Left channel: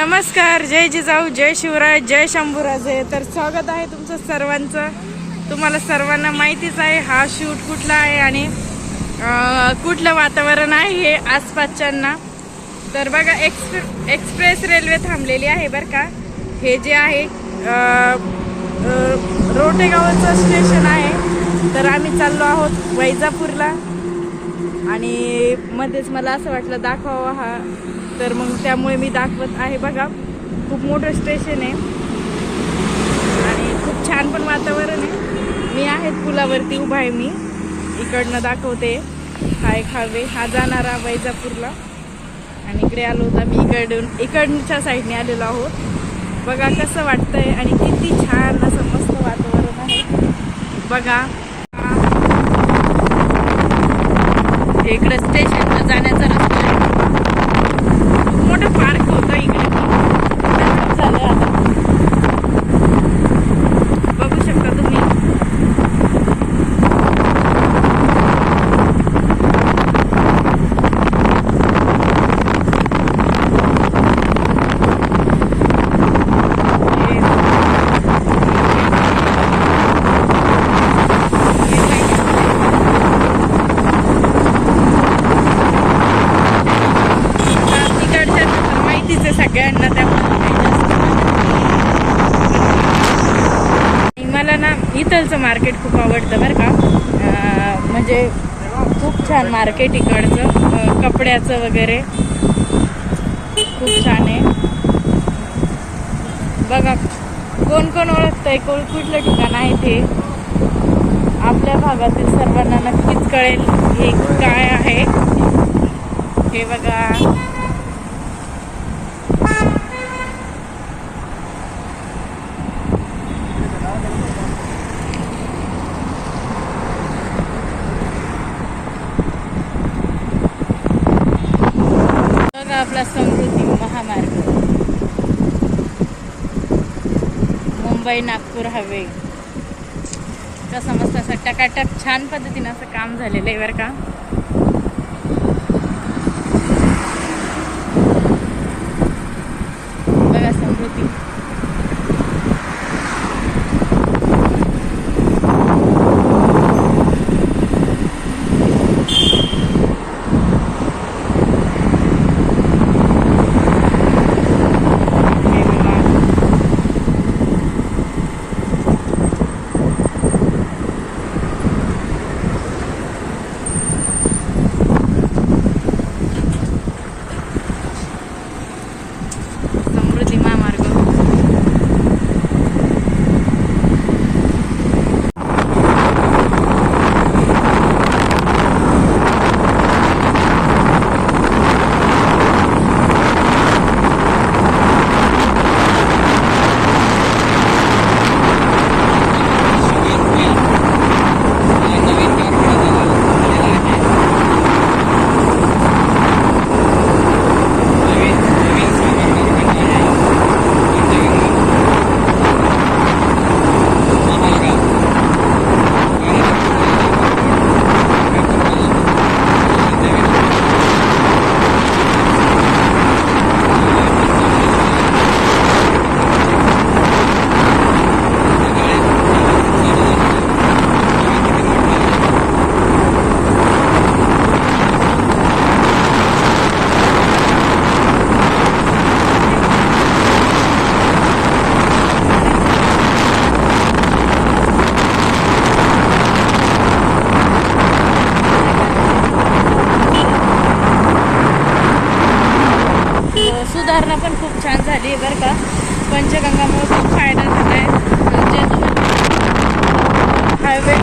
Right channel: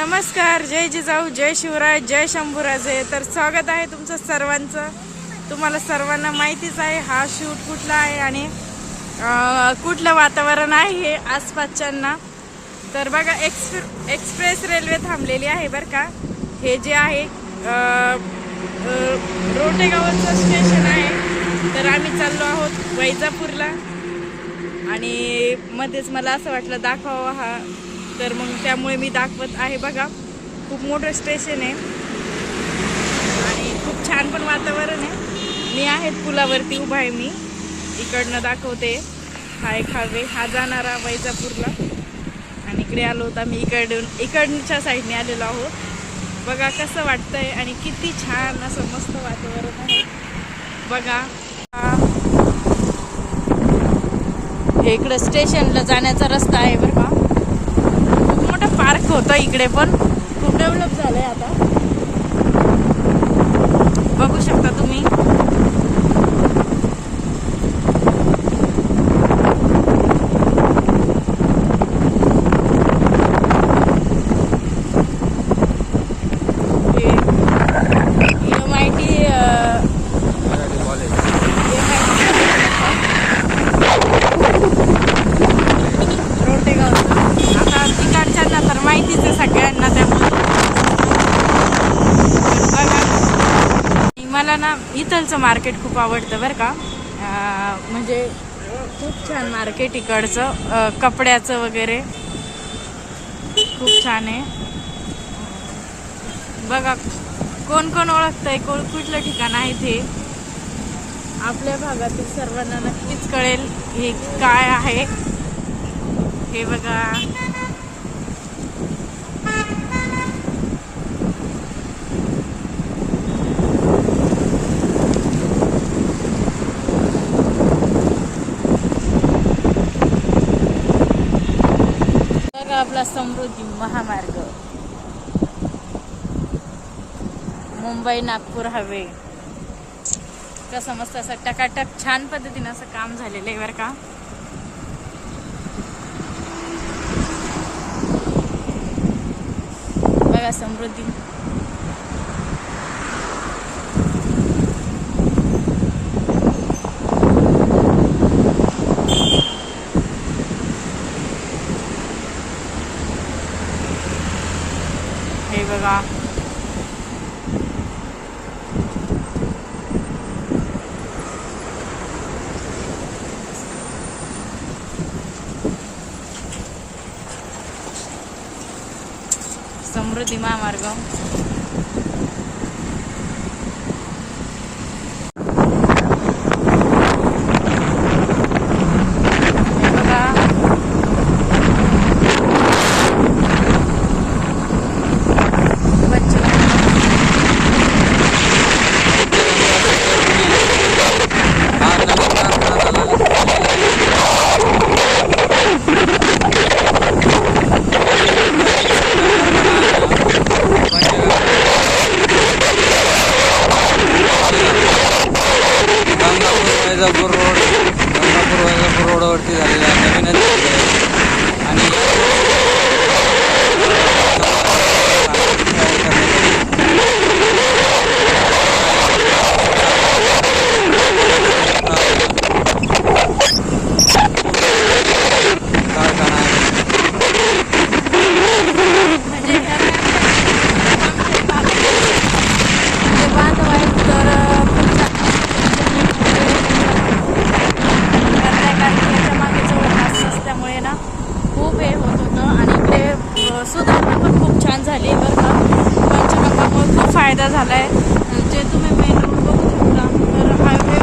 नमस्कार जय जिजाऊ जय शिवराय जय शंभूराजे. तर स्वागत आहे तुमचं सर्वांचं. तुम्हाला सर्वांना माहितीच आहे हा शूट कुठला आहे आणि कुठलं वातावरण आहे हे आसपासच्यांना. तर बघा एक्सप्रे एक्सप्रेस रेल्वे थांबलेली आहे बरं का. हे जे आहे रोटेगावचं स्टेशन आहे. तर आम्ही चाललो आहोत वैजापूरला. आणि मध्येच मला असं वाटलं दाखवावं हा तर मग त्यामुळे मी दाखवत आहे बघा. खूप मोठं स्टेशन आहे. आणि खूप छान पण वातावरण आहे. मी आहे पुलावरती उभा आहे मी. इकडनं दाखवते. हा एक हायवे हा जाणारा वैजापूरला. आणि इकडे आलो होता मी इकडून. इकडच्या साईडने आलेलो आहोत. बघा कसं वाटतंय आणि किती छान असं मस्त वातावरण आहे. बघा. हा इकडे स्टेशनला जाण्याचा रस्ता आहे बघा. खूप मोठं पार्क होतं इकडे पण डेव्हलप झालंय आता बघू शकता तुम्ही हे माहिती, अं, हे माहिती आता तिकडच्यांना तर माहितीच आहे सगळ्यांना त्या मला ना इथलचं मार्केट खूप आवडतं बरं का. म्हणजे खूप छान मार्केट इकडचं कपड्याचं वगैरे. खूप छान आहे. बघा कोण कोण ओळखतंय कोण कुठलं ठिकाण आहे ते. आपल्या भागातील सर्वांना नक्कीच कळेल हे काय आहे. हे बघा. आपला समृद्धी महामार्ग. मुंबई नागपूर हवे कसं मस्त असं टकाटक छान पद्धतीनं असं काम झालेलं आहे बरं का. बघा समृद्धी हे बघा समृद्धी महामार्ग सुधारणा पण खूप छान झाली आहे बरं का. पंचगंगामुळे खूप फायदा झाला आहे जे म्हणजे तुम्ही हायवे